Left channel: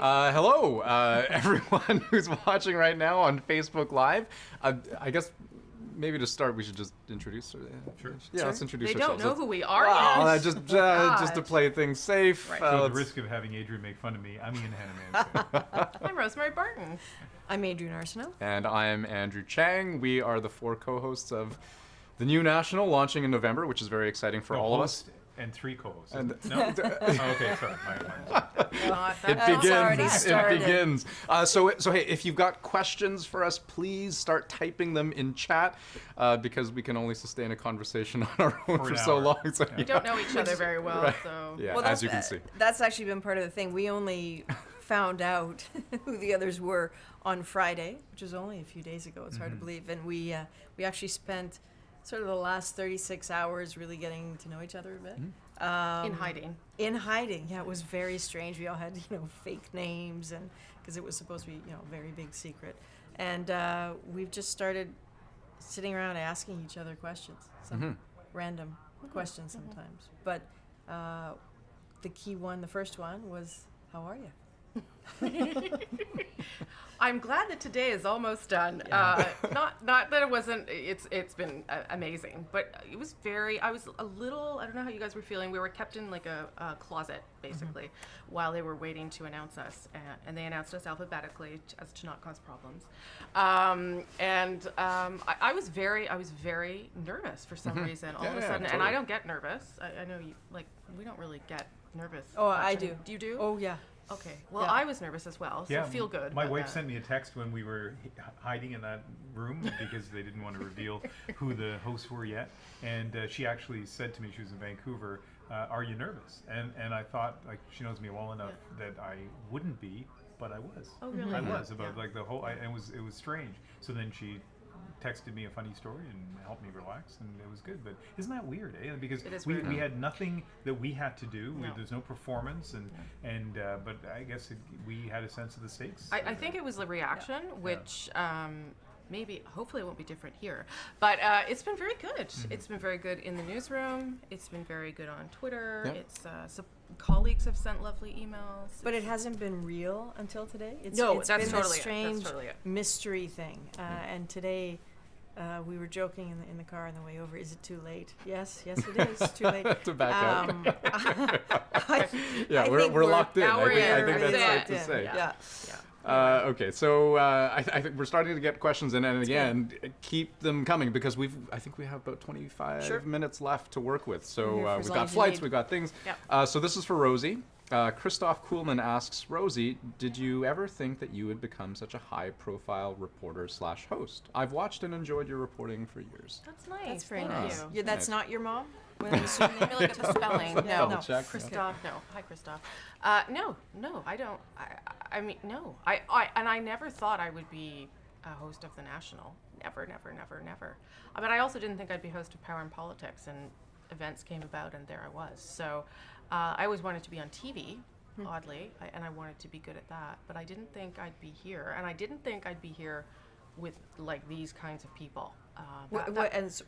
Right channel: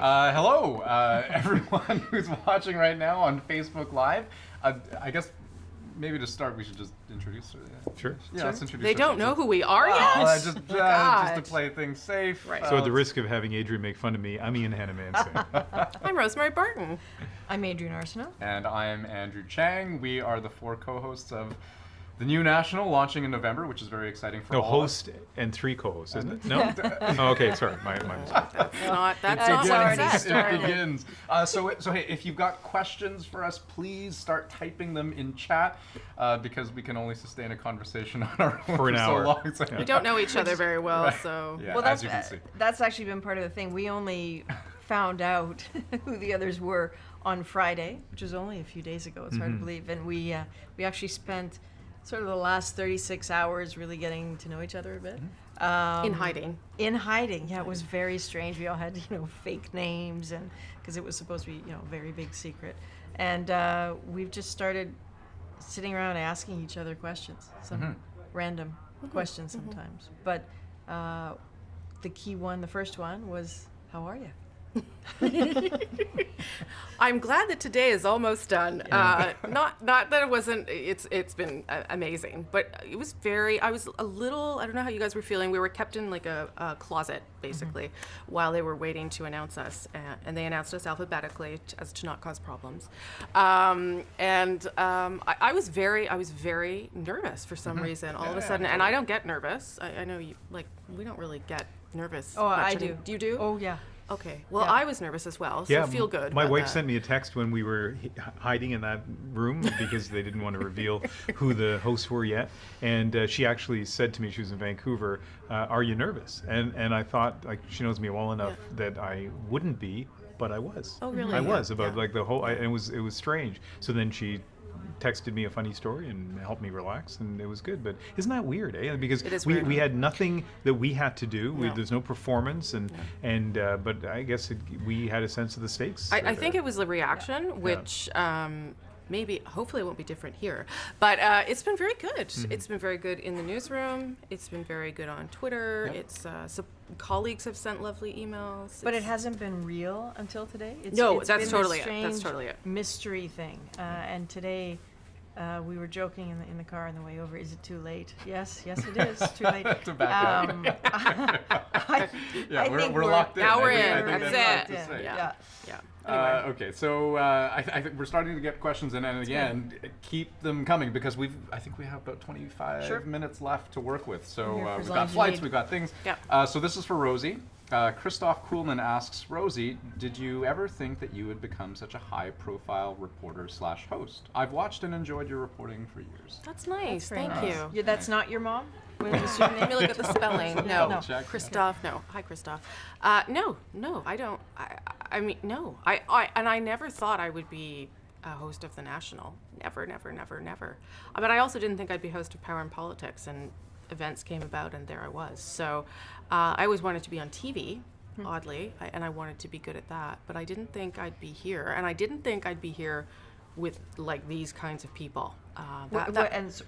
Hello, everyone who's watching right now on Facebook Live. I guess maybe to start, we should just introduce. Sure. Yeah, let's introduce. They don't know who we are yet. Just to play things safe. Right. So at the risk of having Adrienne make fun of me, I'm Ian Hanomansing. I'm Rosemary Barton. I'm Adrienne Arsenault. And I'm Andrew Chang. We are the four co-hosts of the new National, launching in November, which is very exciting for all of us. Host and three co-hosts, isn't it? No? Oh, okay, sorry. My mistake. That's not what I said. It begins. So hey, if you've got questions for us, please start typing them in chat, because we can only sustain a conversation on our own for so long. So We don't know each other very well, Right. so. Yeah, Well, as you can see. that's actually been part of the thing. We only found out who the others were on Friday, which was only a few days ago. It's hard to believe. And we actually spent sort of the last 36 hours really getting to know each other a bit. In hiding. In hiding, yeah, it was very strange. We all had, fake names, and because it was supposed to be, a very big secret. And we've just started sitting around asking each other questions, some random questions sometimes. But the key one, the first one, was, how are you? I'm glad that today is almost done. Not that it wasn't. It's been amazing, but it was I was a little. I don't know how you guys were feeling. We were kept in like a closet basically while they were waiting to announce us, and they announced us alphabetically as to not cause problems. I was very nervous for some reason all of a sudden, and I don't get nervous. I know you we don't really get nervous. Oh, I much. do. Do you do? Oh, yeah. Okay. Well, Yeah. I was nervous as well, so feel good. My about wife that. sent me a text when we were hiding in that room because they didn't want to reveal who the hosts were yet. And she actually said to me, she was in Vancouver, are you nervous? And I thought, she knows me well enough that I wouldn't be, but I was. Oh, really? I was about Yeah. the whole, and it was strange. So then she texted me a funny story and helped me relax, and it was good. But isn't that weird, eh? Because It is we weird. had nothing that we had to do. No. There's no performance, but I guess we had a sense of the stakes. I think it was the reaction, which maybe, hopefully, it won't be different here. But it's been very good. It's been very good in the newsroom. It's been very good on Twitter. Yep. It's colleagues have sent lovely emails. But it hasn't been real until today. It's No, it's that's been totally a it. strange That's totally it. mystery thing. And today, we were joking in the car on the way over. Is it too late? Yes, it is. Too late. To back up. I we're think locked in. Now we're in. I think That's that's safe it. to say. Yeah. Okay, so I think we're starting to get questions in, and again, keep them coming because I think we have about 25 minutes left to work with. So We're here for as we've long got as you flights, need. we've got things. Yeah. So this is for Rosie. Christoph Kuhlman asks, Rosie, did you ever think that you would become such a high-profile reporter/host? I've watched and enjoyed your reporting for years. That's nice. That's very Thank nice. you. That's not your mom? Let me look at the spelling. No. Double check. Christoph, no. Hi, Christoph. No, I don't. I mean, no. I never thought I would be a host of the National. Never. But I also didn't think I'd be host of Power and Politics, and events came about, and there I was. So I always wanted to be on TV, oddly, and I wanted to be good at that. But I didn't think I'd be here, and I didn't think I'd be here with these kinds of people.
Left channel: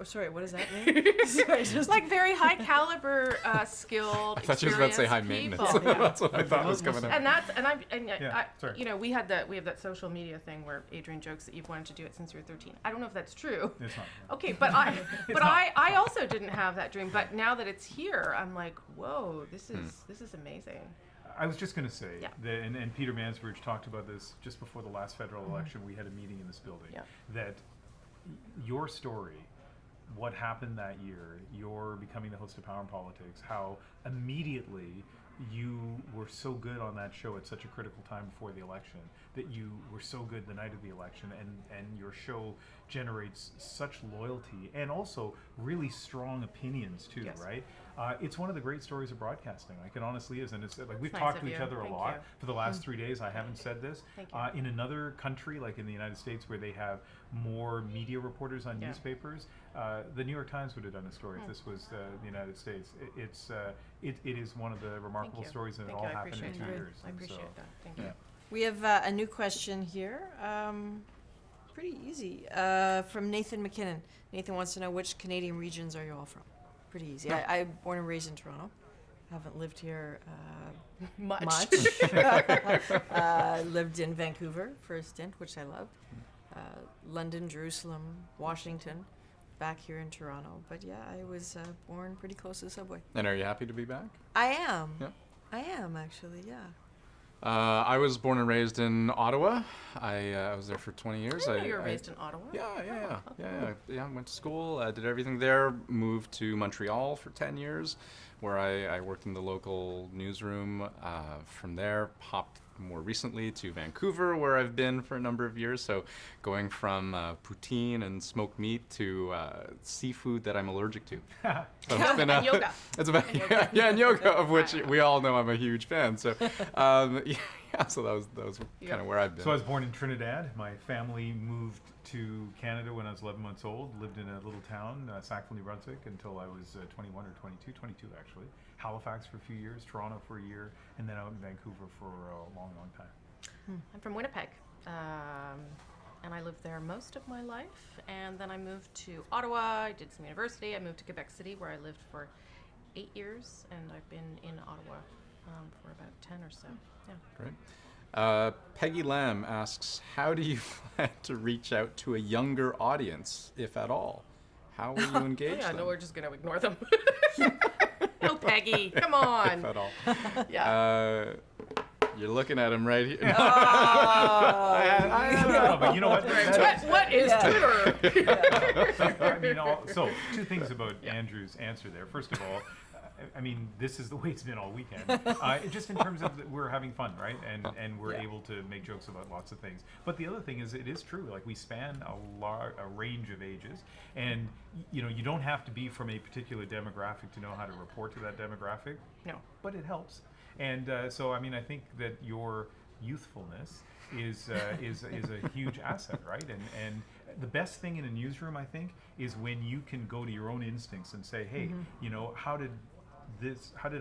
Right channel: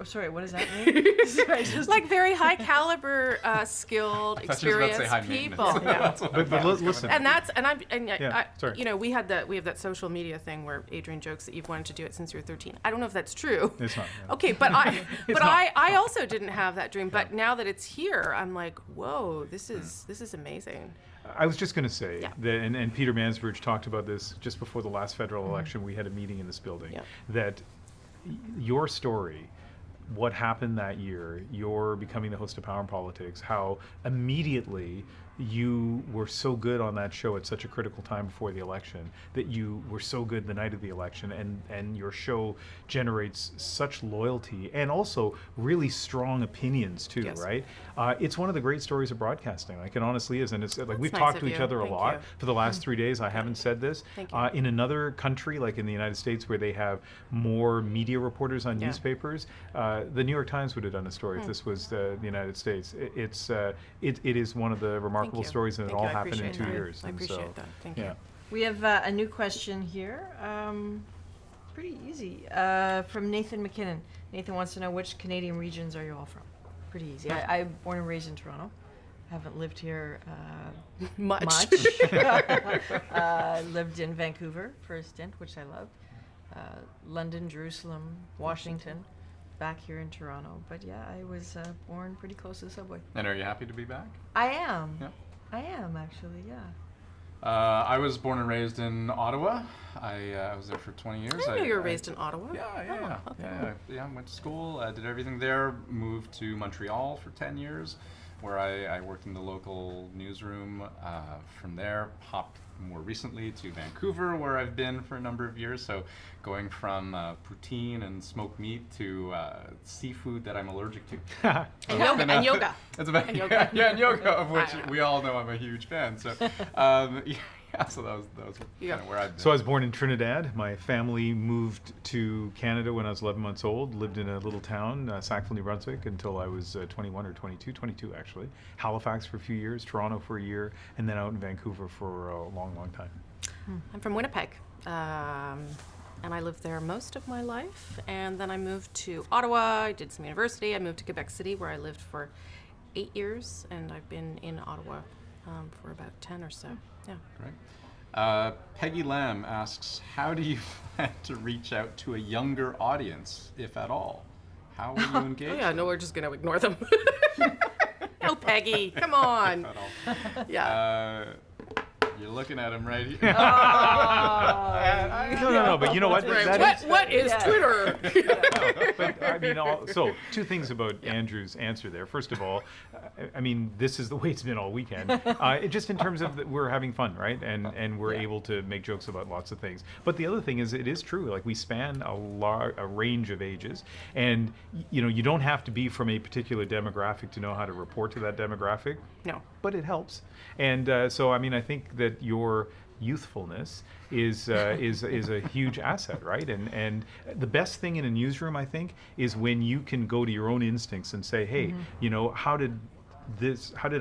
Sorry, what does that mean? Sorry, just Very high caliber, skilled, I thought you were about to say high people. maintenance. Yeah. That's what I thought was listen. coming up. Sorry. We have that social media thing where Adrienne jokes that you've wanted to do it since you were 13. I don't know if that's true. It's not. Okay, but I also didn't have that dream. But now that it's here, I'm like, whoa, this is amazing. I was just going to say Yeah. that, and Peter Mansbridge talked about this just before the last federal election. We had a meeting in this building that your story, what happened that year, your becoming the host of Power and Politics, how immediately you were so good on that show at such a critical time before the election, that you were so good the night of the election, and your show generates such loyalty and also really strong opinions too, Yes. right? It's one of the great stories of broadcasting. Like it honestly is, and it's like we've nice talked of to each you. other a Thank lot you. for the last 3 days. I haven't said this. Thank you. In another country, like in the United States, where they have more media reporters on newspapers, the New York Times would have done a story if this was the United States. It is one of the remarkable stories, and Thank it all you. I happened in appreciate 2 that. years. I And appreciate so, that. Thank you. yeah. We have a new question here. Pretty easy. From Nathan McKinnon. Nathan wants to know, which Canadian regions are you all from? Pretty easy. I'm born and raised in Toronto. haven't lived here Much. Lived in Vancouver for a stint, which I loved. London, Jerusalem, Washington, back here in Toronto. But yeah, I was born pretty close to the subway. And are you happy to be back? I am. Yeah. I am, actually, yeah. I was born and raised in Ottawa. I was there for 20 years. I know you were raised in Ottawa. Yeah. Went to school, did everything there. Moved to Montreal for 10 years, where I worked in the local newsroom. From there, popped more recently to Vancouver, where I've been for a number of years. So going from poutine and smoked meat to seafood that I'm allergic to. So it's been And yoga. It's about And yoga. and yoga, of which I know. we all know I'm a huge fan. So so that was kind of where I've been. So I was born in Trinidad. My family moved to Canada when I was 11 months old. Lived in a little town, Sackville, New Brunswick, until I was 21 or 22 actually. Halifax for a few years, Toronto for a year, and then out in Vancouver for a long, long time. I'm from Winnipeg, and I lived there most of my life. And then I moved to Ottawa. I did some university. I moved to Quebec City, where I lived for 8 years, and I've been in Ottawa for about 10 or so. Yeah. Great. Peggy Lamb asks, how do you plan to reach out to a younger audience, if at all? How will you engage Oh yeah, them? no, we're just gonna ignore them. No, Peggy, come on. If at all. Yeah. You're looking at him right here. Oh. No, but you know what? What is Twitter? I mean, so two things about Andrew's answer there. First of all, I mean, this is the way it's been all weekend. Just in terms of we're having fun, right? And we're able to make jokes about lots of things. But the other thing is, it is true. Like, we span a range of ages, and you don't have to be from a particular demographic to know how to report to that demographic. No. But it helps. And so, I mean, I think that your youthfulness is a huge asset, right? And the best thing in a newsroom, I think, is when you can go to your own instincts and say, hey, how did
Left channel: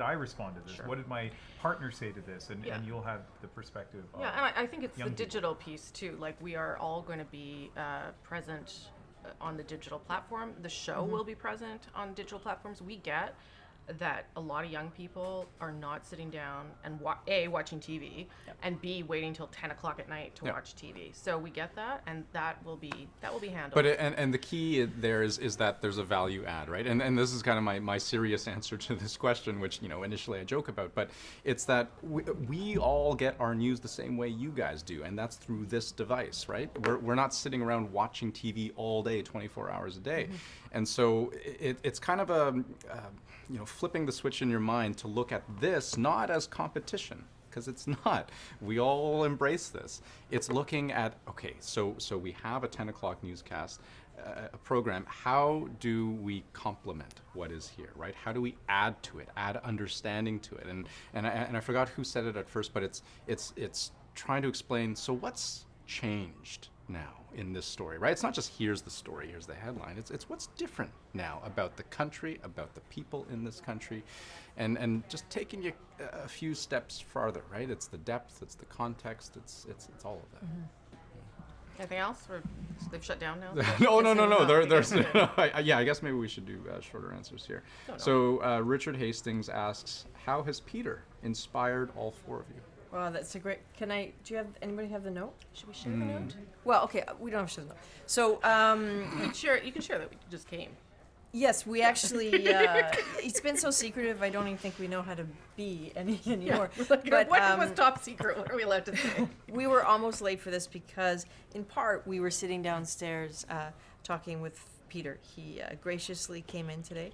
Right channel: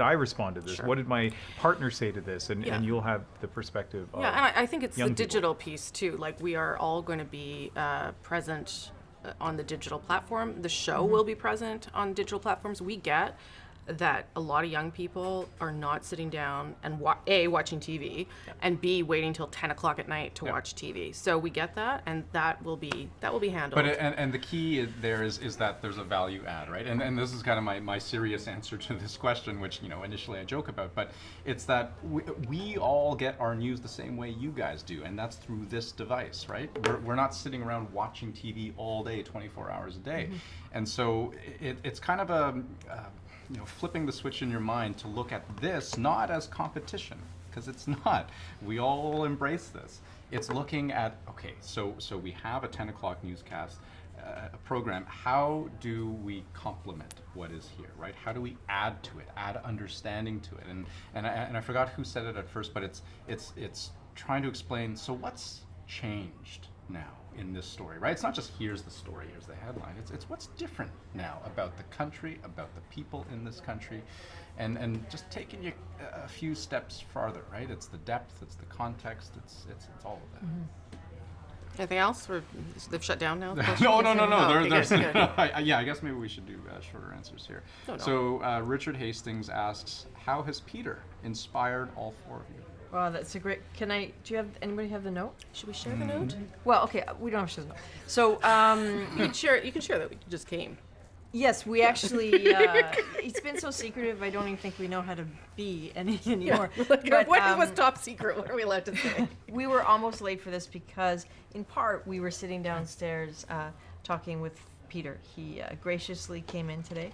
I respond to this? Sure. What did my partner say to this? And you'll have the perspective of Yeah, and I think it's the young people. digital piece too. Like, we are all going to be present on the digital platform. The show will be present on digital platforms. We get that a lot of young people are not sitting down and watching TV, and B, waiting till 10 o'clock at night to watch TV. So we get that, and that will be handled. But and the key there is that there's a value add, right? And this is kind of my serious answer to this question, which initially I joke about, but it's that we all get our news the same way you guys do, and that's through this device, right? We're not sitting around watching TV all day, 24 hours a day, and so it's kind of a flipping the switch in your mind to look at this not as competition, because it's not. We all embrace this. It's looking at, okay, so we have a 10 o'clock newscast, a program. How do we complement what is here, right? How do we add to it, add understanding to it? And I forgot who said it at first, but it's trying to explain, so what's changed now in this story, right? It's not just here's the story, here's the headline. It's what's different now about the country, about the people in this country, and just taking you a few steps farther, right? It's the depth, it's the context, it's all of that. Anything else, or they've shut down now? No. Oh, There's okay, good. I guess maybe we should do shorter answers here. Oh, no. So Richard Hastings asks, how has Peter inspired all four of you? Wow, that's a great. Anybody have the note? Should we share the note? Well, okay, we don't have to know. So, You can share that we just came. yes, we actually. It's been so secretive. I don't even think we know how to be anymore. But, What was top secret? What are we allowed to say? we were almost late for this because, in part, we were sitting downstairs talking with Peter. He graciously came in today,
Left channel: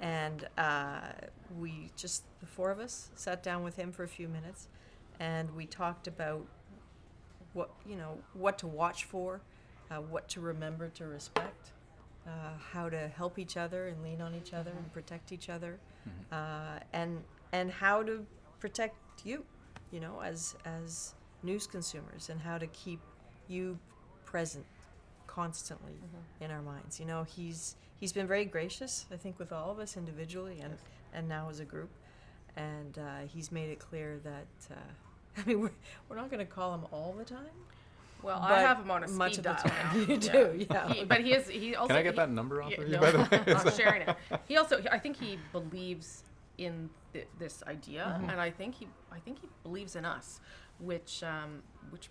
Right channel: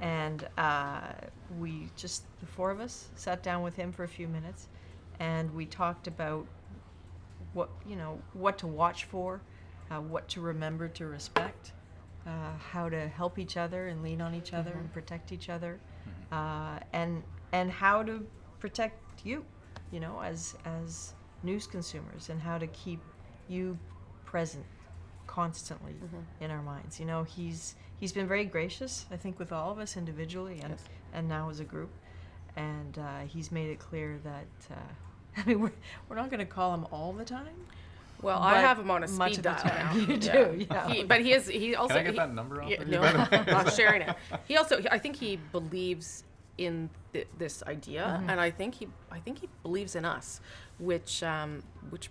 and the four of us sat down with him for a few minutes, and we talked about what to watch for, what to remember to respect, how to help each other and lean on each other and protect each other, and how to protect you, as news consumers, and how to keep you present constantly in our minds. He's been very gracious, I think, with all of us individually and now as a group, and he's made it clear that we're not going to call him all the time. Well, I have him on a much speed of the dial time. now. You do, yeah. He also. Can I get that number off of you, No, by the way? I'm sharing it. I think he believes in this idea, and I think he believes in us, which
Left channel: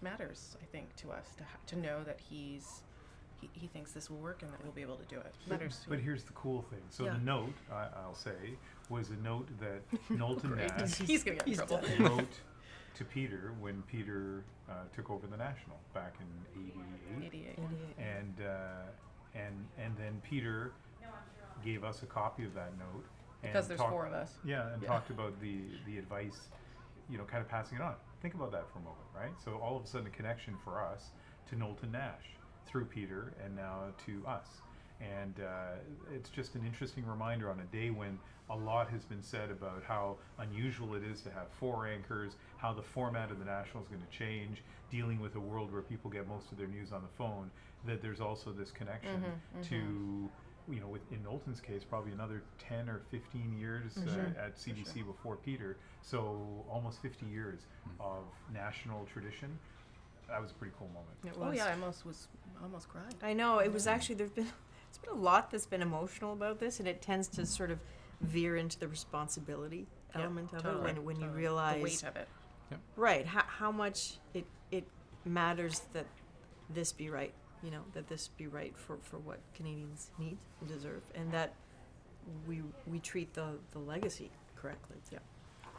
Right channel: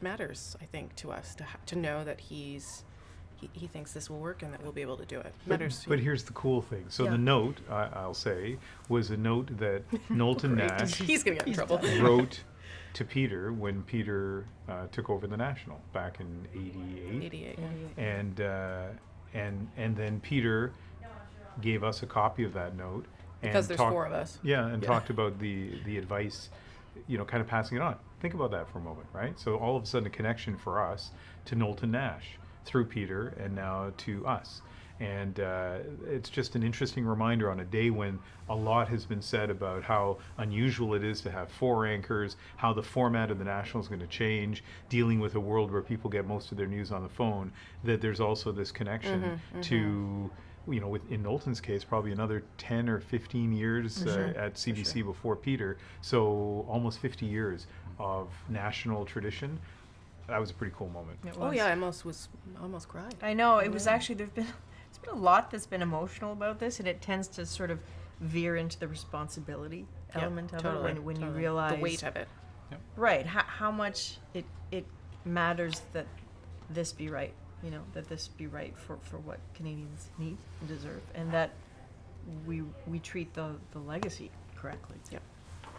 matters, I think, to us to know that he thinks this will work and that we'll be able to do it. But here's the cool thing. So Yeah. the note, I'll say, was a note that Knowlton Nash He's gonna get in trouble. wrote to Peter when Peter took over the National back in '88. 88. And then Peter gave us a copy of that note. Because there's 4 of us. Yeah, and talked about the advice, kind of passing it on. Think about that for a moment, right? So all of a sudden a connection for us to Knowlton Nash through Peter and now to us. And it's just an interesting reminder on a day when a lot has been said about how unusual it is to have 4 anchors, how the format of the National is going to change, dealing with a world where people get most of their news on the phone, that there's also this connection to, in Knowlton's case, probably another 10 or 15 years at CBC before Peter. So almost 50 years of national tradition. That was a pretty cool moment. Oh yeah, I almost cried. I know, it was actually, there's been a lot that's been emotional about this, and it tends to sort of veer into the responsibility element of totally, it when you totally. realize The weight of it. right how much it matters that this be right, that this be right for what Canadians need and deserve, and that we treat the legacy correctly. Yeah.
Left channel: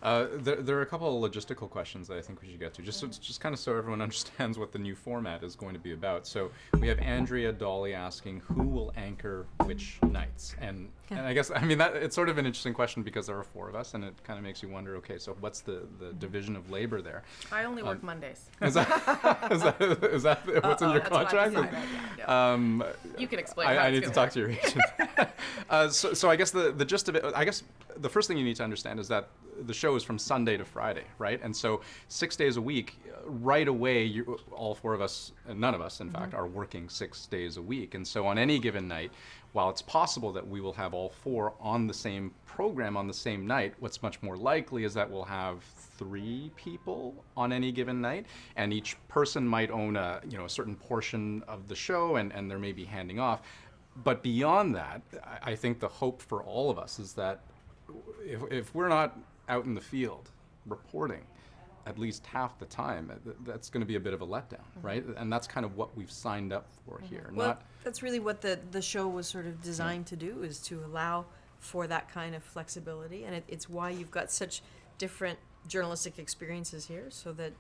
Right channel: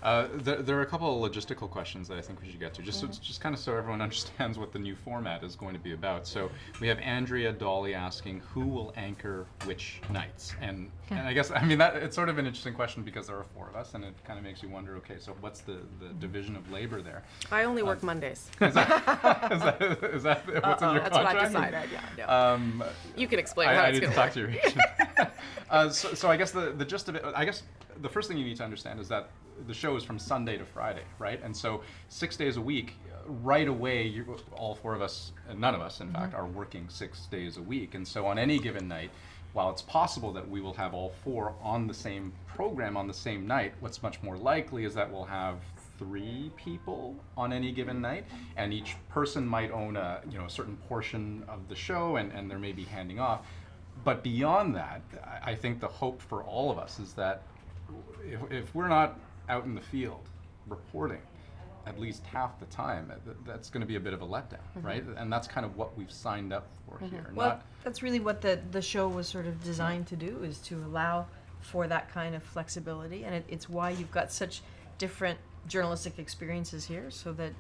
There are a couple of logistical questions that I think we should get to, just kind of so everyone understands what the new format is going to be about. So we have Andrea Dolly asking who will anchor which nights, and I guess that it's sort of an interesting question because there are 4 of us, and it kind of makes you wonder. Okay, so what's the division of labor there? I only work Mondays. Is that what's in your That's what I've contract? decided, yeah. You can explain how I it's need to gonna talk to your agent. So I guess the gist of it, I guess the first thing you need to understand is that the show is from Sunday to Friday, right? And so 6 days a week, right away, all 4 of us, and none of us, in fact, are working 6 days a week. And so on any given night, while it's possible that we will have all 4 on the same program on the same night, what's much more likely is that we'll have 3 people on any given night, and each person might own a certain portion of the show, and there may be handing off. But beyond that, I think the hope for all of us is that if we're not out in the field reporting at least half the time, that's going to be a bit of a letdown, right? And that's kind of what we've signed up for here. Well, that's really what the show was sort of designed to do, is to allow for that kind of flexibility, and it's why you've got such different journalistic experiences here, so that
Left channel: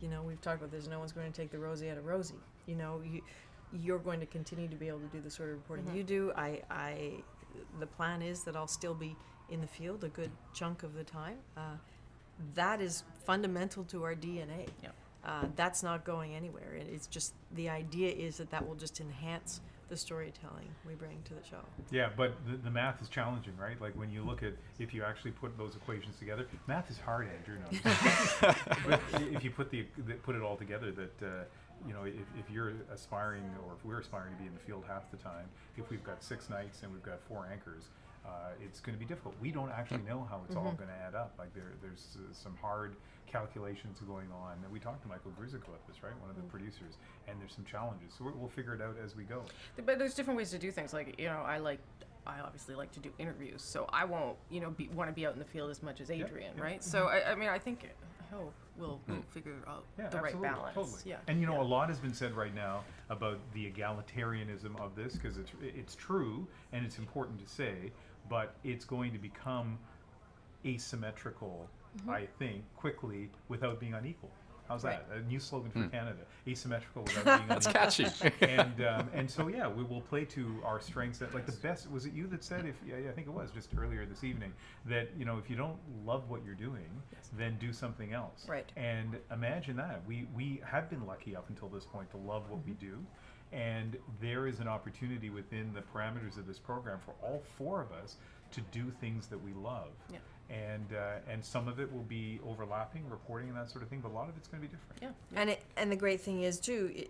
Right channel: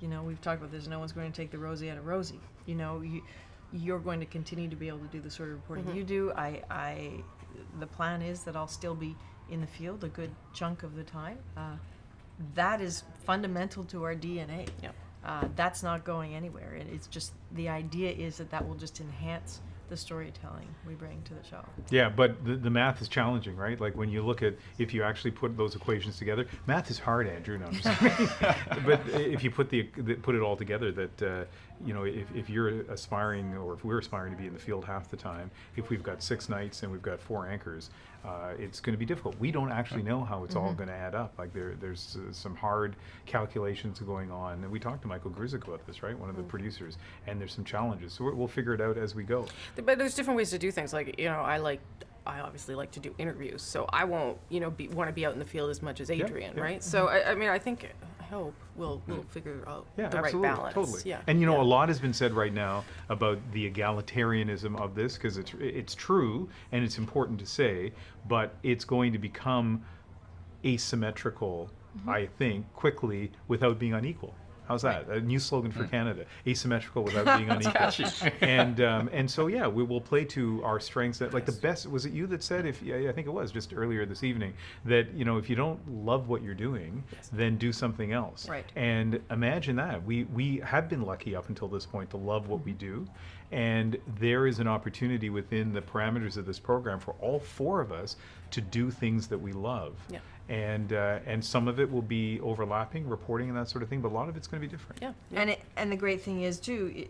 we've talked about this, no one's going to take the Rosie out of Rosie. You're going to continue to be able to do the sort of reporting you do. The plan is that I'll still be in the field a good chunk of the time. That is fundamental to our DNA. That's not going anywhere. It's just, the idea is that will just enhance the storytelling we bring to the show. Yeah, but the math is challenging, right? Like when you look at, if you actually put those equations together, math is hard, Andrew. No, I'm just kidding. But if you put it all together, that if you're aspiring, or if we're aspiring to be in the field half the time, if we've got 6 nights and we've got 4 anchors, it's going to be difficult. We don't actually know how it's all going to add up. Like there's some hard calculations going on, and we talked to Michael Grzyk about this, right? One of the producers, and there's some challenges. So we'll figure it out as we go. But there's different ways to do things. Like I obviously like to do interviews, so I won't want to be out in the field as much as Adrienne, right? So I think. I hope we'll figure out the absolutely, right balance. Totally. Yeah. And a lot has been said right now about the egalitarianism of this, because it's true and it's important to say, but it's going to become asymmetrical, I think, quickly without being unequal. How's that? A new slogan for Canada: asymmetrical without being unequal. That's catchy. And so we will play to our strengths. That, like, the best, was it you that said, I think it was just earlier this evening, that if you don't love what you're doing, then do something else. Right. And imagine that we have been lucky up until this point to love what we do, and there is an opportunity within the parameters of this program for all 4 of us to do things that we love. Yeah. And some of it will be overlapping, reporting and that sort of thing, but a lot of it's going to be different. Yeah. And the great thing is too,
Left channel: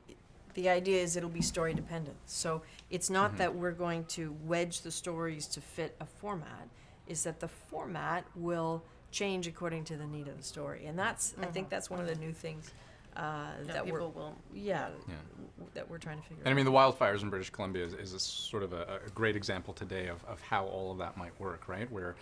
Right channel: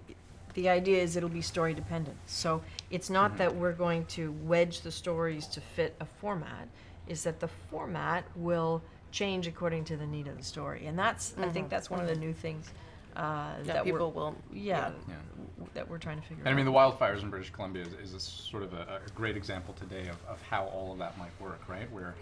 the idea is it'll be story dependent. So it's not that we're going to wedge the stories to fit a format. Is that the format will change according to the need of the story, and that's I think that's one of the new things that people we're will that we're trying to figure And I out. mean, the wildfires in British Columbia is a sort of a great example today of how all of that might work, right? Where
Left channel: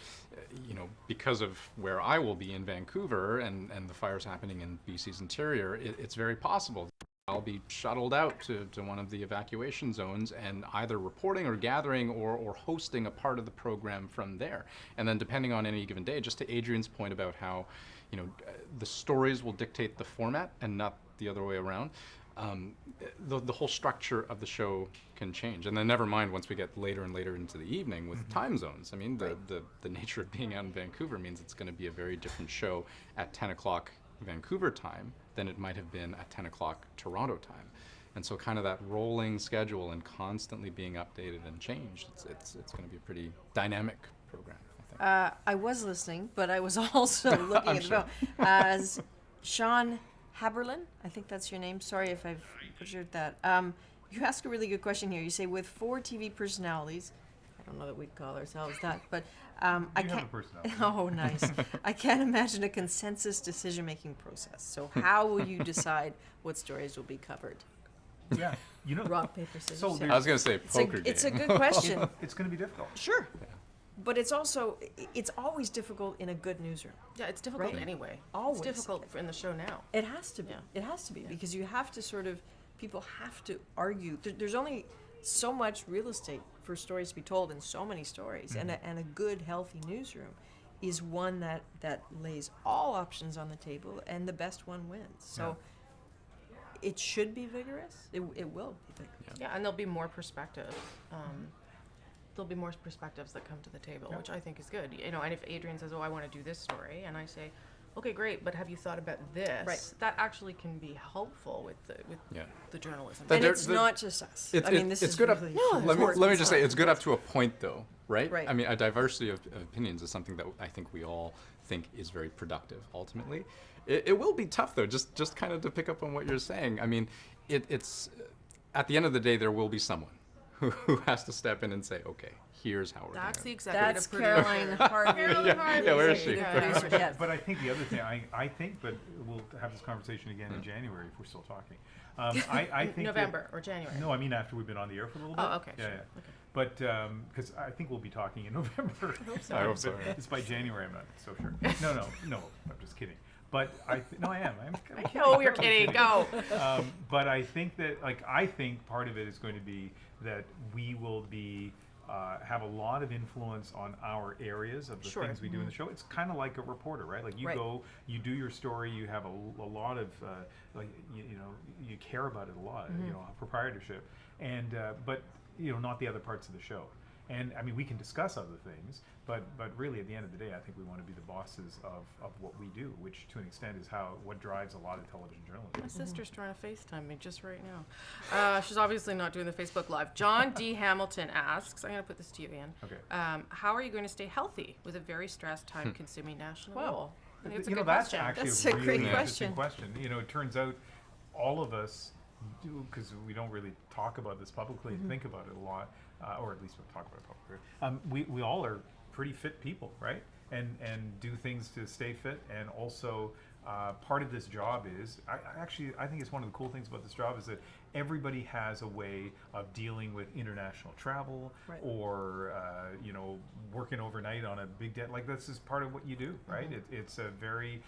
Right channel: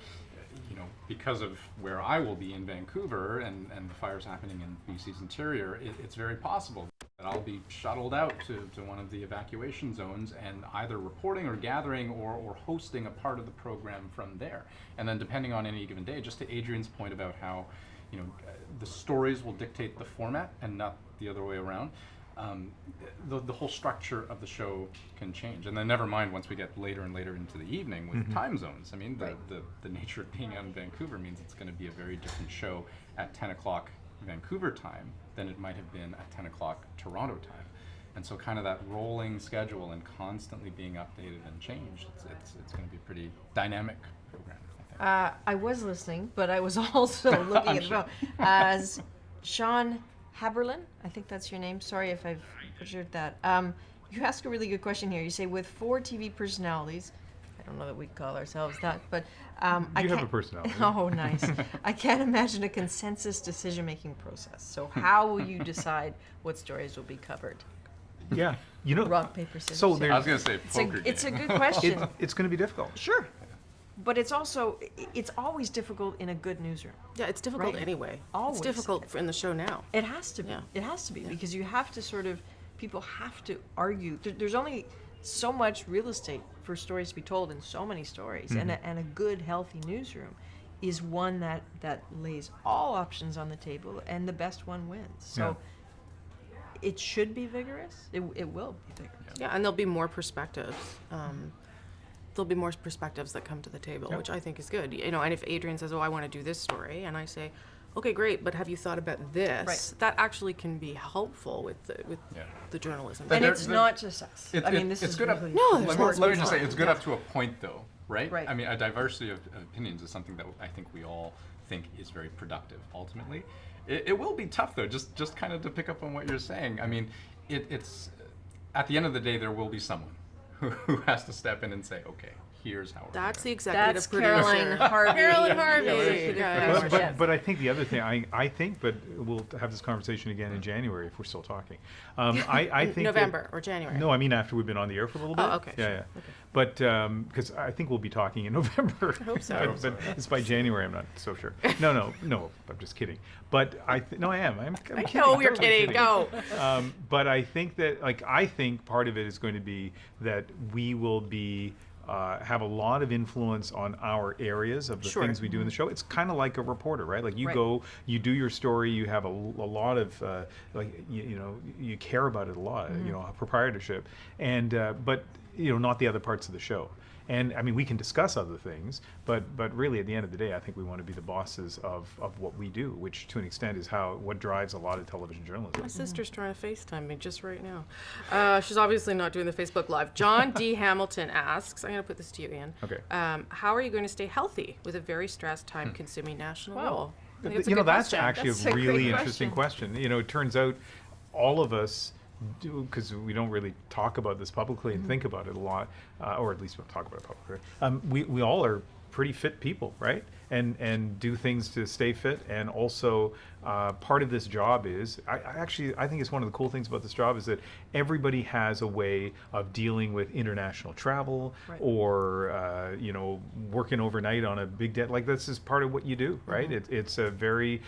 because of where I will be in Vancouver and the fires happening in BC's interior, it's very possible that I'll be shuttled out to one of the evacuation zones and either reporting or gathering or hosting a part of the program from there. And then depending on any given day, just to Adrienne's point about how, the stories will dictate the format and not the other way around. The whole structure of the show can change, and then never mind once we get later and later into the evening with time zones. I mean, the nature of being out in Vancouver means it's going to be a very different show at 10 o'clock Vancouver time than it might have been at 10 o'clock Toronto time. And so kind of that rolling schedule and constantly being updated and changed, it's going to be a pretty dynamic program, I think. I was listening, but I was also looking at the phone. As Sean Haberlin, I think that's your name. Sorry if I've butchered that. You ask a really good question here. You say, with 4 TV personalities, I don't know that we call ourselves that, but I You have can't. a personality. Oh, nice. I can't imagine a consensus decision-making process. So how will you decide what stories will be covered? Yeah. Rock, paper, scissors. So scissors. there's- I was going to say poker game. It's a good question. It's going to be difficult. Sure. But it's also, it's always difficult in a good newsroom. Yeah, it's difficult Right. anyway. Always. It's difficult in the show now. It has to be. Yeah. It has to be because you have to sort of, people have to argue. There's only so much real estate for stories to be told in so many stories. And a good, healthy newsroom is one that lays all options on the table and the best one wins. So it should be vigorous. It will be vigorous. Yeah, and there'll be more perspectives. There'll be more perspectives that come to the table, which I think is good. And if Adrienne says, "Oh, I want to do this story," and I say, "Okay, great, but have you thought about this?" Right. That actually can be helpful with Yeah. the journalism. But And there- it's the- not just us. It's- I mean, it- this it's is good up- really No, Let me important. just say, it's good up to a point, though, right? Right. I mean, a diversity of opinions is something that I think we all think is very productive, ultimately. It will be tough, though, just kind of to pick up on what you're saying. I mean, it's at the end of the day, there will be someone who has to step in and say, okay, here's how we're That's the doing executive That's producer. Caroline Harvey. Caroline Harvey. the executive Yeah. producer, yes. But I think the other thing, I think, but we'll have this conversation again in January if we're still talking. I think November or January. No, I mean after we've been on the air for a little bit. Oh, okay, Yeah, sure. yeah. But because I think we'll be talking in November. I hope so. I hope so. It's by January. I'm not so sure. No. I'm just kidding. But no, I am. I'm I kidding. know you're kidding. Go. But I think that, I think part of it is going to be that we will be have a lot of influence on our areas of the Sure. things we do in the show. It's kind of like a reporter, right? Like you Right. go, you do your story, you have a lot of you care about it a lot, proprietorship, and but not the other parts of the show. And I mean, we can discuss other things, but really at the end of the day, I think we want to be the bosses of what we do, which to an extent is what drives a lot of television journalism. My sister's trying to FaceTime me just right now. She's obviously not doing the Facebook Live. John D. Hamilton asks, I'm going to put this to you, Ian. Okay. How are you going to stay healthy with a very stressed, time-consuming national Wow. role? I think it's a good That's question. actually That's a a great really interesting question. question. It turns out all of us do, because we don't really talk about this publicly and think about it a lot, or at least we don't talk about it publicly. We all are pretty fit people, right? And do things to stay fit. And also, part of this job is, I think it's one of the cool things about this job is that everybody has a way of dealing with international travel, Right. or working overnight on a big debt. Like, this is part of what you do, right? It's a very,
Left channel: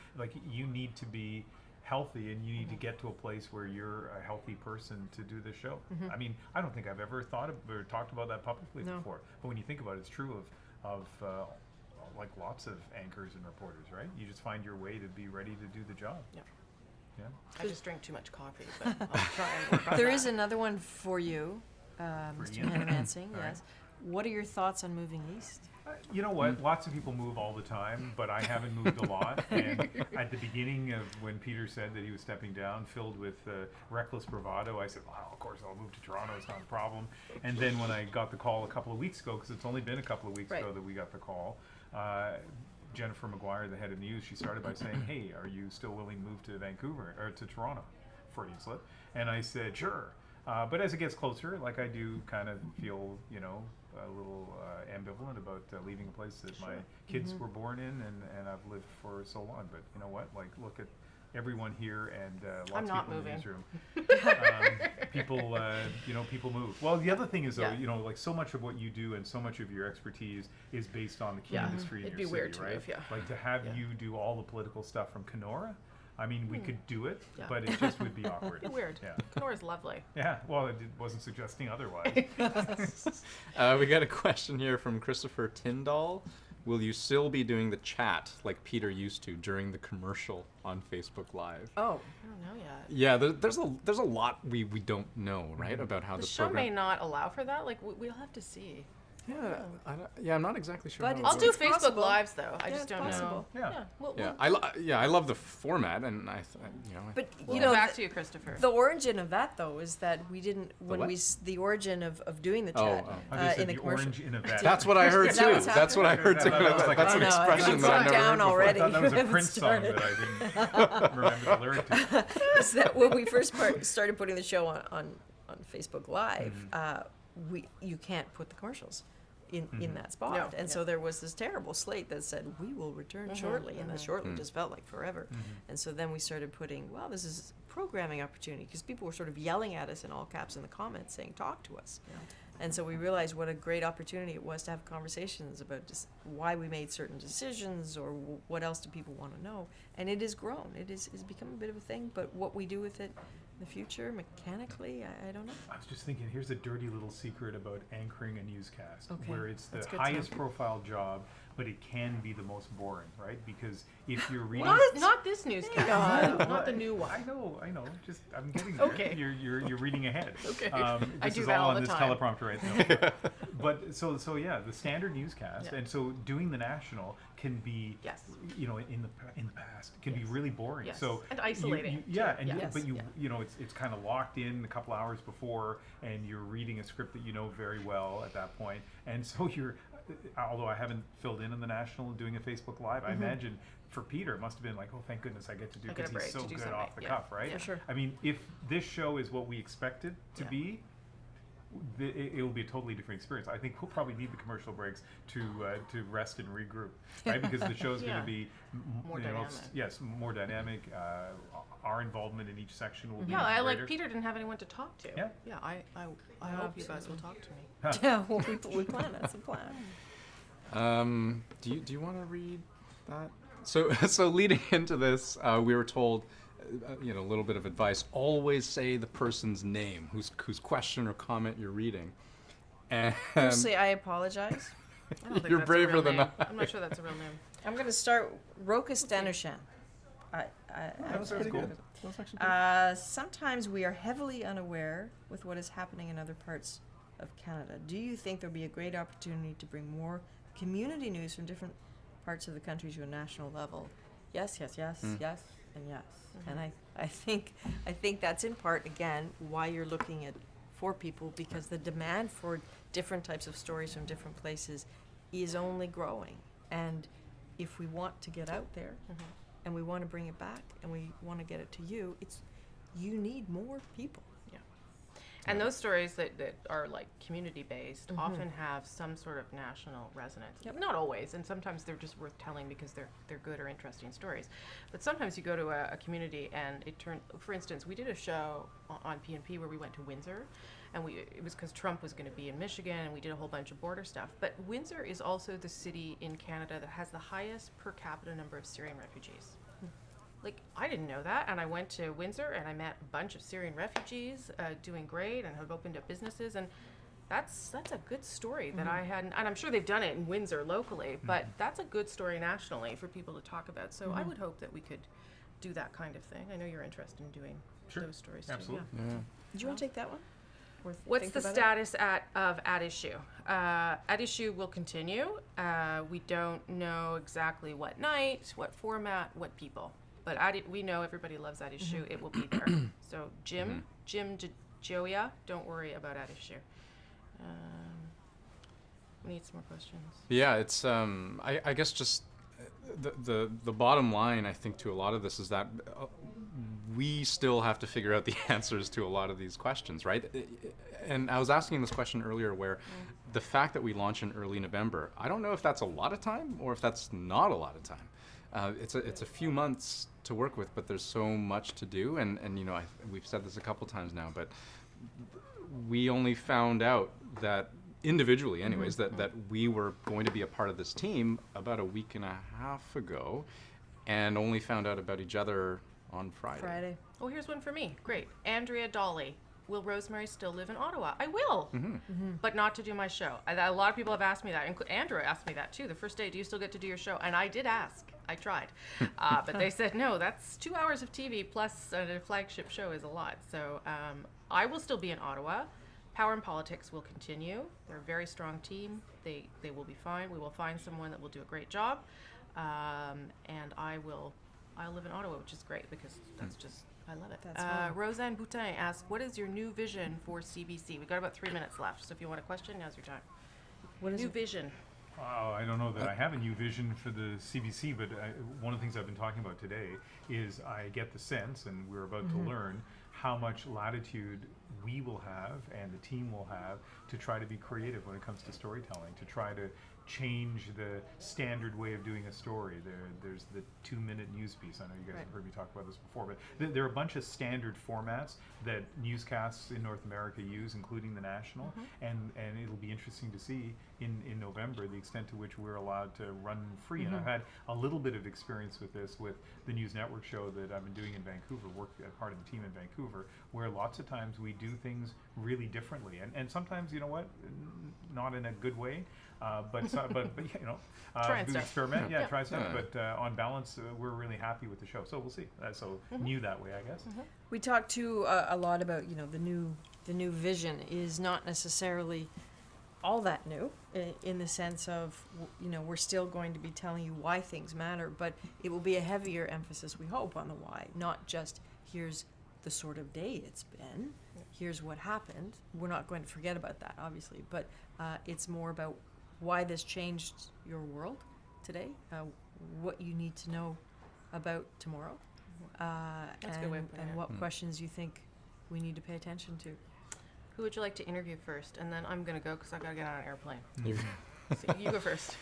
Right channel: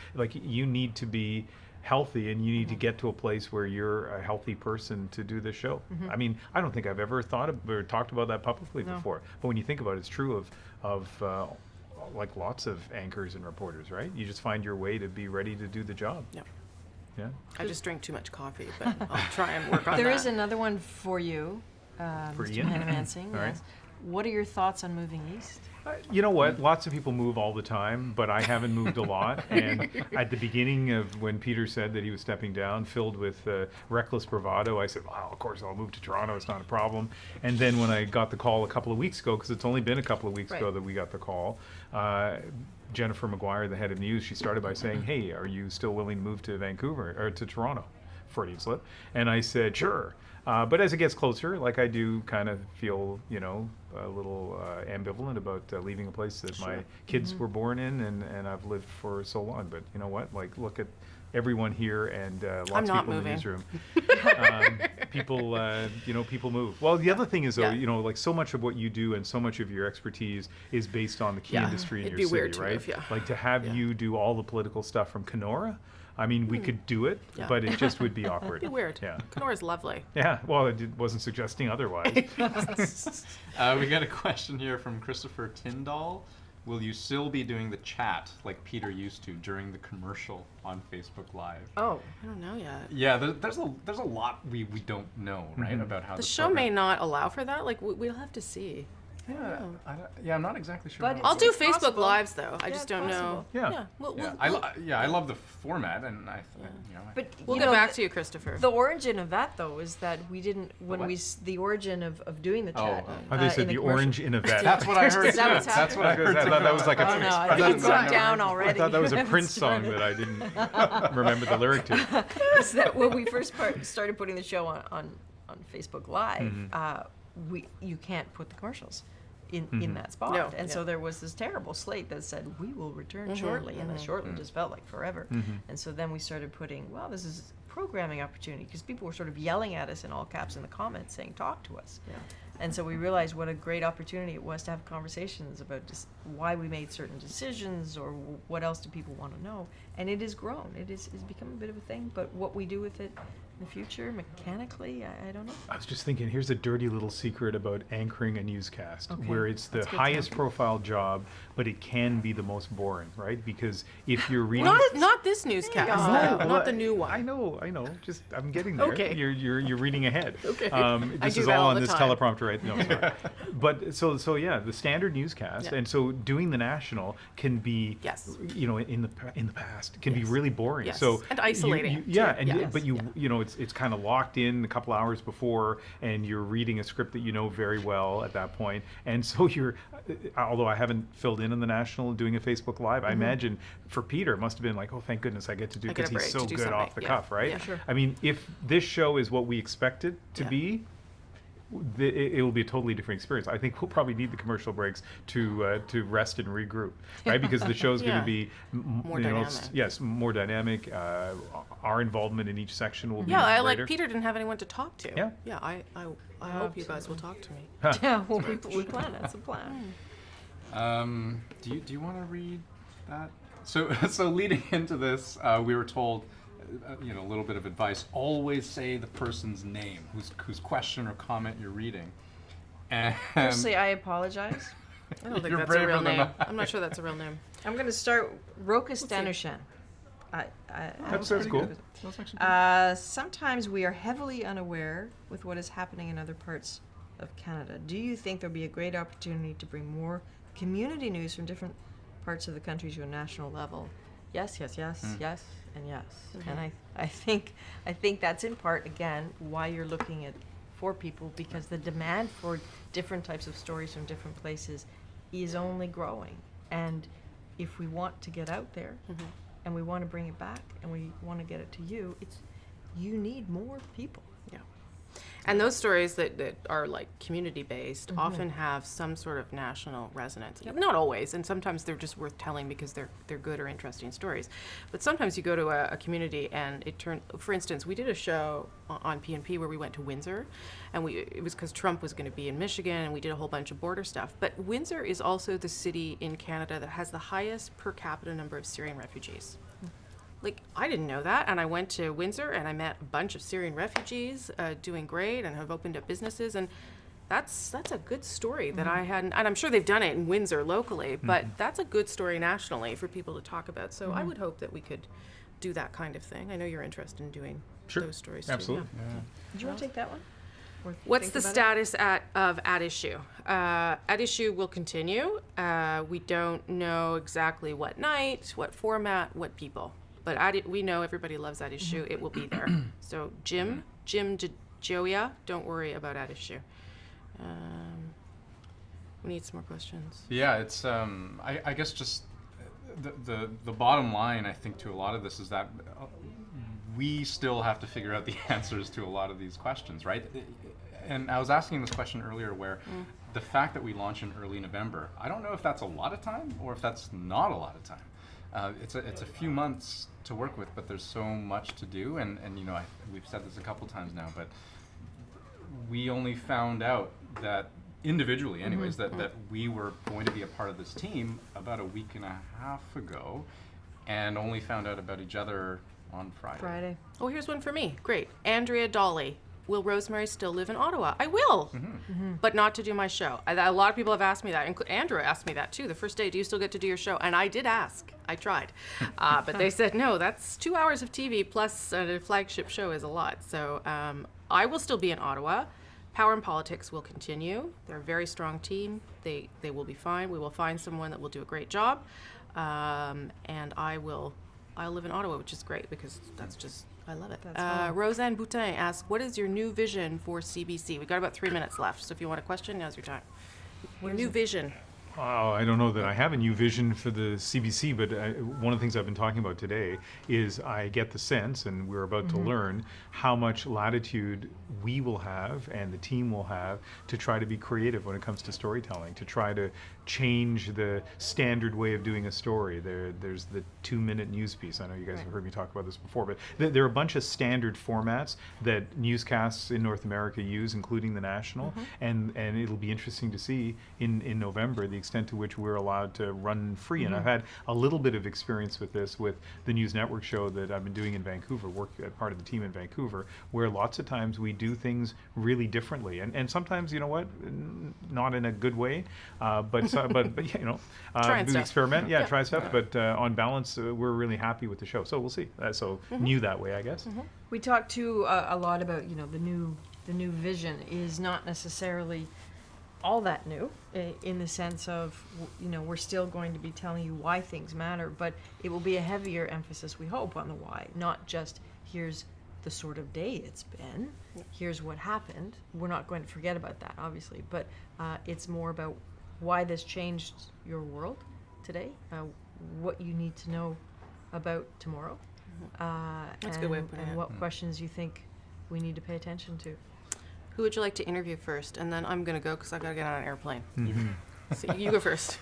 you need to be healthy, and you need to get to a place where you're a healthy person to do this show. I mean, I don't think I've ever thought of or talked about that publicly No. before, but when you think about it, it's true of lots of anchors and reporters, right? You just find your way to be ready to do the job. Yeah. Yeah. I just drank too much coffee, but I'll try and work on There that. is another one for you, Mr. Ian? Hanomansing. All right. Yes. What are your thoughts on moving east? You know what? Lots of people move all the time, but I haven't moved a lot. And at the beginning of when Peter said that he was stepping down, filled with reckless bravado, I said, "Well, of course I'll move to Toronto. It's not a problem." And then when I got the call a couple of weeks ago, because it's only been a couple of weeks Right. ago that we got the call, Jennifer Maguire, the head of news, she started by saying, "Hey, are you still willing to move to Vancouver or to Toronto?" Freudian slip. And I said, "Sure." But as it gets closer, I do kind of feel, a little ambivalent about leaving a place that my kids were born in and I've lived for so long. But you know what? Look at everyone here and lots I'm of not people in the moving. newsroom. People move. Well, the other thing is though, Yeah. like so much of what you do and so much of your expertise is based on the key Yeah. industry in It'd your be weird city, to right? move, yeah. Like to have you do all the political stuff from Kenora. I mean, we could do it, Yeah. but it just would be awkward. It'd be weird. Yeah. Kenora's lovely. Yeah. Well, wasn't suggesting otherwise. We got a question here from Christopher Tyndall. Will you still be doing the chat like Peter used to during the commercial on Facebook Live? Oh, I don't know yet. Yeah, there's a lot we don't know, right, about how The this show may program- not allow for that. Like we'll have to see. Yeah, I'm not exactly sure. But how it I'll do works. Facebook possible. Lives though. I Yeah, just it's don't know. possible. Yeah. Yeah. We'll, Yeah, I love the format, and but we'll you get know, back to you, Christopher. the origin of that though is that we didn't when what? the origin of doing the chat. Oh, they said in the commercial. orange in a vet. That's what I heard Is that too. what's That's what I heard too. That was like a I know. expression It's that I've gone never down heard before. already. I thought that was a Haven't Prince song started. that I didn't remember the lyric to. Is that when we first started putting the show on Facebook Live, you can't put the commercials in that spot. No, And yeah. so there was this terrible slate that said, we will return shortly. And then shortly just felt like forever. And so then we started putting, well, this is a programming opportunity, because people were sort of yelling at us in all caps in the comments saying, talk to us. And so we realized what a great opportunity it was to have conversations about just why we made certain decisions or what else do people want to know. And it has grown. It's become a bit of a thing, but what we do with it in the future, mechanically, I don't know. I was just thinking, here's a dirty little secret about anchoring a newscast, Okay, where it's the that's good to highest know. profile job, but it can be the most boring, right? Because if you're reading... Not this newscast. No. Not Well, the new one. I know. Just I'm getting there. Okay. You're reading ahead. Okay. This do is that all all on the this time. teleprompter right now. But so yeah, the standard newscast, Yeah. and so doing the national can be, Yes. in the past can be Yes. really boring. Yes. So And isolating, yeah, too. and Yes. but it's kind of locked in a couple hours before, and you're reading a script that you know very well at that point, and so you're. Although I haven't filled in the national doing a Facebook Live, I imagine for Peter it must have been like, oh, thank goodness I get to do, I get because a he's break so to do good off something. the Yeah. cuff, right? Yeah. Sure. I mean, if this show is what we expect it to Yeah. be, it will be a totally different experience. I think we'll probably need the commercial breaks to rest and regroup, right? Because the show's going Yeah. to be More dynamic. yes, more dynamic. Our involvement in each section will be Yeah, I greater. like Peter didn't have anyone to talk to. Yeah. Yeah, I hope you guys will talk to me. Yeah, well, we plan. That's a plan. Do you want to read that? So leading into this, we were told, a little bit of advice. Always say the person's name, whose question or comment you're reading. And Firstly, I apologize. I don't think You're that's a real braver than name. I. I'm not sure that's a real name. I'm going to start Roka Stanushan. That's cool. That's actually Sometimes we are heavily unaware with what is happening in other parts of Canada. Do you think there'll be a great opportunity to bring more community news from different parts of the country to a national level? Yes, yes, yes, yes, and yes. And I think that's in part, again, why you're looking at 4 people, because the demand for different types of stories from different places is only growing. And if we want to get out there and we want to bring it back and we want to get it to you, you need more people. Yeah. And those stories that are like community based often have some sort of national resonance. Yep. Not always, and sometimes they're just worth telling because they're good or interesting stories. But sometimes you go to a community and for instance, we did a show on PNP where we went to Windsor, and it was because Trump was going to be in Michigan, and we did a whole bunch of border stuff. But Windsor is also the city in Canada that has the highest per capita number of Syrian refugees. Like, I didn't know that, and I went to Windsor and I met a bunch of Syrian refugees doing great and have opened up businesses, and that's a good story that I hadn't, and I'm sure they've done it in Windsor locally, but that's a good story nationally for people to talk about. So I would hope that we could do that kind of thing. I know you're interested in doing those stories too. Absolutely. Yeah. Do you want to take that one? Or What's think the about it? status of At Issue? At Issue will continue. We don't know exactly what night, what format, what people. But we know everybody loves At Issue. It will be there. So Jim Joia, don't worry about At Issue. We need some more questions. Yeah, it's I guess just the bottom line, I think, to a lot of this is that we still have to figure out the answers to a lot of these questions, right? And I was asking this question earlier, where the fact that we launch in early November, I don't know if that's a lot of time or if that's not a lot of time. it's a few months to work with, but there's so much to do, and you know, we've said this a couple times now, but we only found out that individually anyways that we were going to be a part of this team about a week and a half ago, and only found out about each other on Friday. Oh, here's one for me. Great. Andrea Dolly. Will Rosemary still live in Ottawa? I will, but not to do my show. A lot of people have asked me that. Andrew asked me that too. The first day, do you still get to do your show? And I did ask. I tried. But they said, no, that's 2 hours of TV plus a flagship show is a lot. So I will still be in Ottawa. Power and Politics will continue. They're a very strong team. They will be fine. We will find someone that will do a great job. And I'll live in Ottawa, which is great because that's just, I love it. Roseanne Boutin asks, what is your new vision for CBC? We've got about 3 minutes left, so if you want a question, now's your time. What is New it? vision. Oh, I don't know that I have a new vision for the CBC, but one of the things I've been talking about today is I get the sense, and we're about to learn, how much latitude we will have and the team will have to try to be creative when it comes to storytelling, to try to change the standard way of doing a story. There's the 2-minute news piece. I know you guys have heard me talk about this before, but there are a bunch of standard formats that newscasts in North America use, including the national, and it'll be interesting to see in November the extent to which we're allowed to run free. And I've had a little bit of experience with this with the News Network show that I've been doing in Vancouver, work as part of the team in Vancouver, where lots of times we do things really differently, and sometimes, you know what, not in a good way, but you know, Trying do stuff. Experiment, try stuff, but on balance, we're really happy with the show. So we'll see. So new that way, I guess. We talked too a lot about, you know, the new vision is not necessarily all that new in the sense of, you know, we're still going to be telling you why things matter, but it will be a heavier emphasis, we hope, on the why, not just here's the sort of day it's been, here's what happened. We're not going to forget about that, obviously, but it's more about why this changed your world today, what you need to know about tomorrow, That's a good way of putting and it. what questions you think we need to pay attention to. Who would you like to interview first? And then I'm going to go because I've got to get on an airplane. So you go first.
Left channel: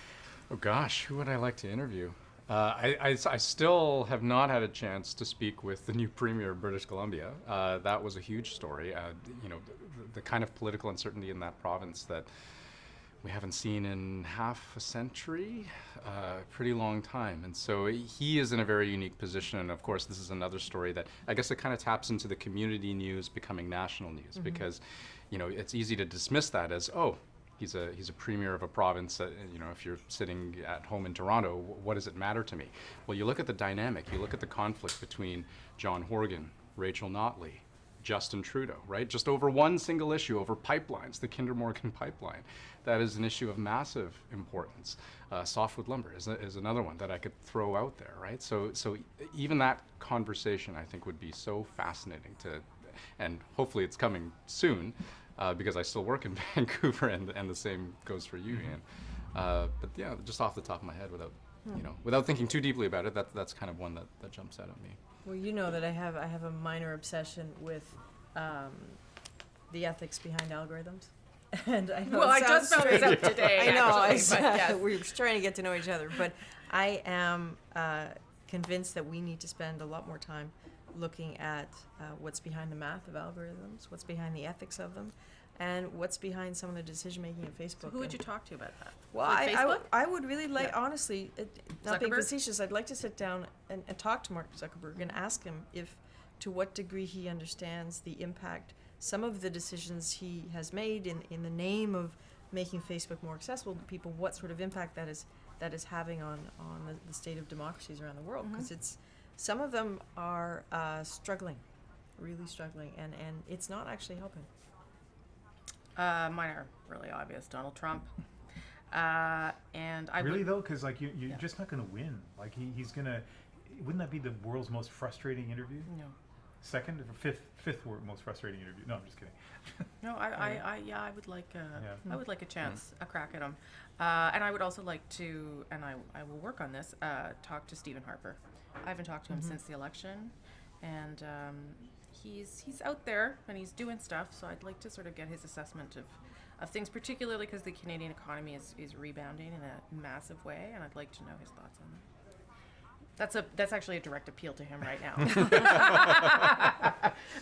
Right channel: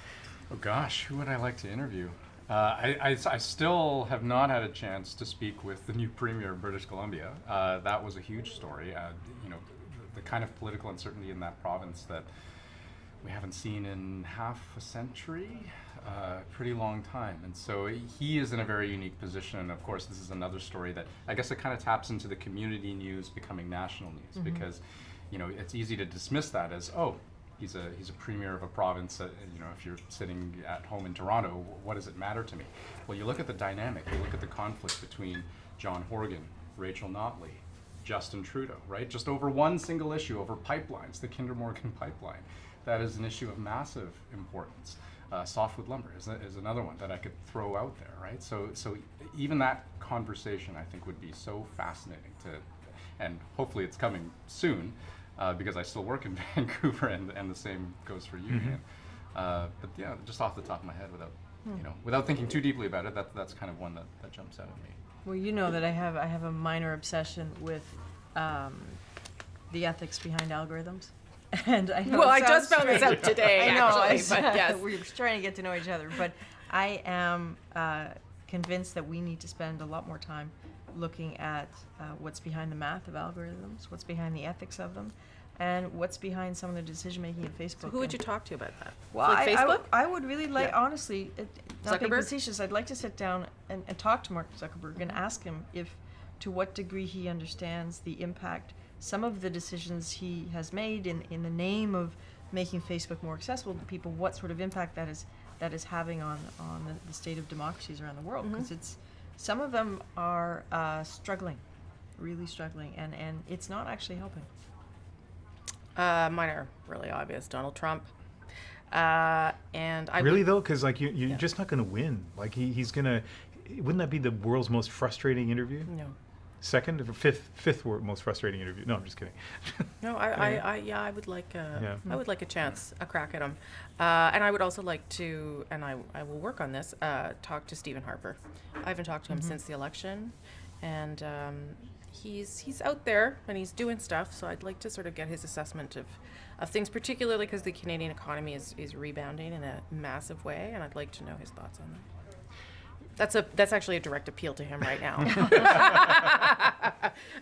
Oh gosh, who would I like to interview? I still have not had a chance to speak with the new Premier of British Columbia. That was a huge story. You know, the kind of political uncertainty in that province that we haven't seen in half a century, pretty long time. And so he is in a very unique position. And of course, this is another story that I guess it kind of taps into the community news becoming national news, because, you know, it's easy to dismiss that as, oh, he's a premier of a province that, you know, if you're sitting at home in Toronto, what does it matter to me? Well, you look at the dynamic, you look at the conflict between John Horgan, Rachel Notley, Justin Trudeau, right? Just over one single issue, over pipelines, the Kinder Morgan pipeline. That is an issue of massive importance. Softwood lumber is another one that I could throw out there, right? So even that conversation, I think, would be so fascinating to, and hopefully it's coming soon, because I still work in Vancouver, and the same goes for you, Dan. But yeah, just off the top of my head, without thinking too deeply about it, that's kind of one that jumps out at me. Well, you know that I have a minor obsession with the ethics behind algorithms. And I know I just found this out today. I know, actually, but yes. we're trying to get to know each other, but I am convinced that we need to spend a lot more time looking at what's behind the math of algorithms, what's behind the ethics of them, and what's behind some of the decision-making at Facebook. So who would you talk to about that? Well, Like Facebook? I would really like, honestly, not being Zuckerberg? facetious, I'd like to sit down and talk to Mark Zuckerberg and ask him to what degree he understands the impact some of the decisions he has made in the name of making Facebook more accessible to people, what sort of impact that is having on the state of democracies around the world. Because some of them are struggling, really struggling, and it's not actually helping. Mine are really obvious. Donald Trump. And I Really though, because like you're just not going to win. Like he's going to. Wouldn't that be the world's most frustrating interview? No. Second or fifth most frustrating interview? No, I'm just kidding. No, I would like I would like a chance, a crack at him, and I would also like to, and I will work on this. Talk to Stephen Harper. I haven't talked to him since the election, and he's out there and he's doing stuff. So I'd like to sort of get his assessment of things, particularly because the Canadian economy is rebounding in a massive way, and I'd like to know his thoughts on that. That's actually a direct appeal to him right now.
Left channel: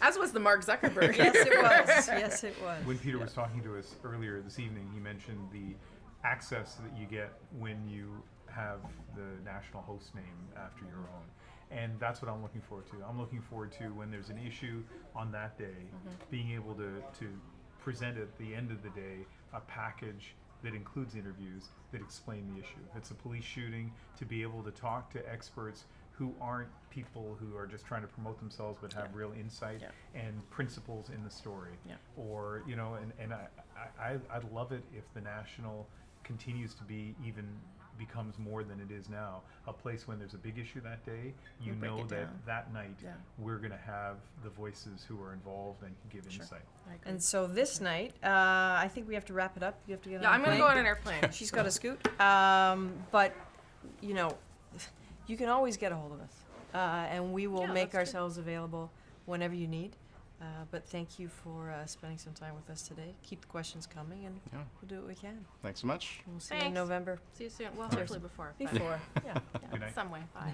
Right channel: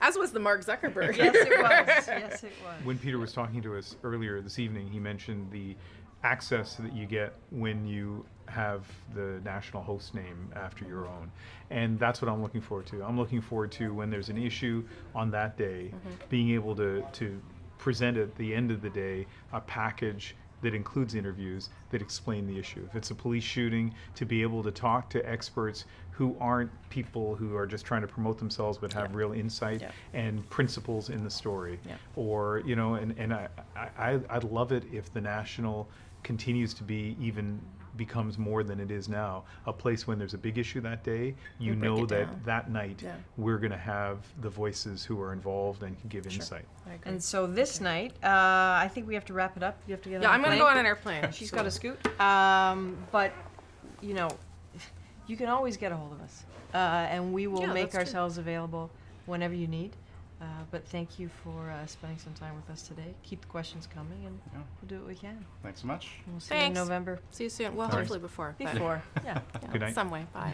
As was the Mark Zuckerberg. Yes, it was. Yes, it was. When Peter was talking to us earlier this evening, he mentioned the access that you get when you have the national host name after your own. And that's what I'm looking forward to. I'm looking forward to when there's an issue on that day, being able to present at the end of the day a package that includes interviews that explain the issue. If it's a police shooting, to be able to talk to experts who aren't people who are just trying to promote themselves but have real insight and principles in the story. Or, you know, and I'd love it if the National continues to be even becomes more than it is now, a place when there's a big issue that day, you know that that night we're going to have the voices who are involved and can give insight. And so this night, I think we have to wrap it up. You have to get on I'm a going to plane. go on an airplane. She's got to scoot. But, you know, you can always get a hold of us. And we will Yeah, make that's true. ourselves available whenever you need. But thank you for spending some time with us today. Keep the questions coming, and we'll do what we can. Thanks so much. We'll see you in Thanks. November. See you soon. Well, Thanks. hopefully before. but- Before, yeah. Good night. Some way. Bye.